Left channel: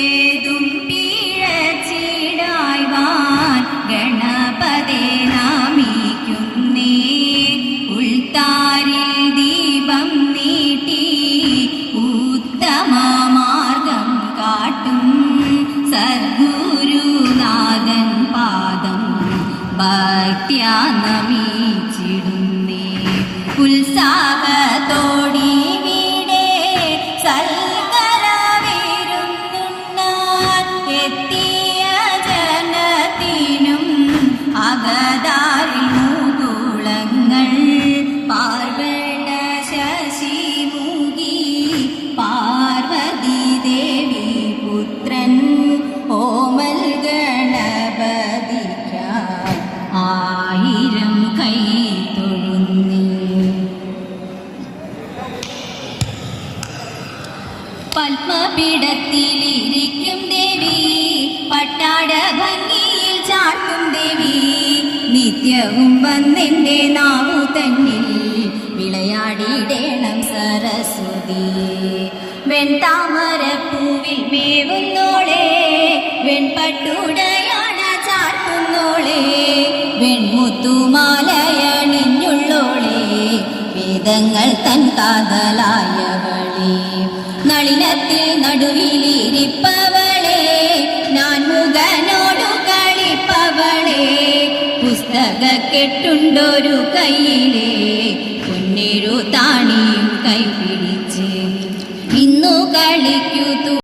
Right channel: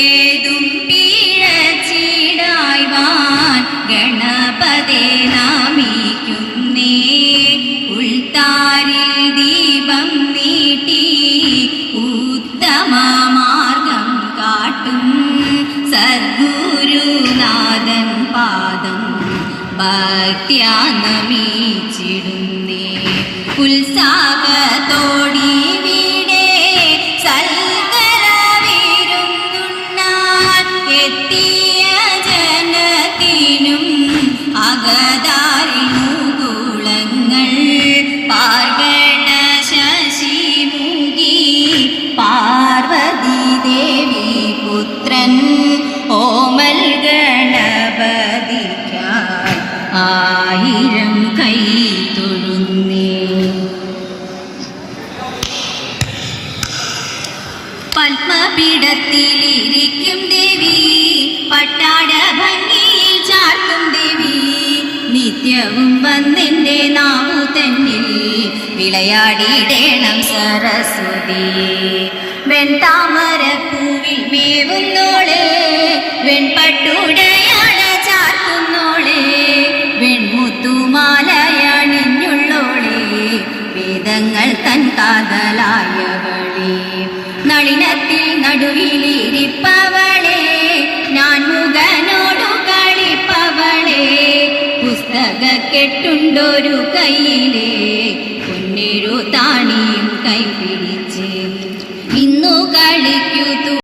ഏതും പിഴച്ചിടായ്വാൻ ഗണപതേ നമിക്കുന്നേ. ഉൾത്താരിൽ ദീപം നീട്ടി ഉത്തമ മാർഗം കാട്ടും സദ്ഗുരുനാഥൻ പാദം ഭക്ത്യാ നമിച്ചിടുന്നേ. ഉത്സാഹത്തോടി വീടേ സൽക്കരവിരുന്നുണ്ണാൻ എത്തിയ ജനത്തിനും അകതാരിണുകുളങ്ങൾ പാർഗണ ശശിമുഖി പാർവതി ദേവി പുത്രൻ ഓമൽ ഗണപതിക്കായി ആയിരം കൈ തൊഴുന്നേ. പത്മപീഠത്തിലിരിക്കും ദേവി പട്ടാട ഭംഗിയിൽ ചാർത്തും ദേവി നിത്യവും വന്നെൻ്റെ നാവു തന്നിൽ വിളയാടിയിടേണം സരസ്വതി. വെൺതാമരപ്പൂ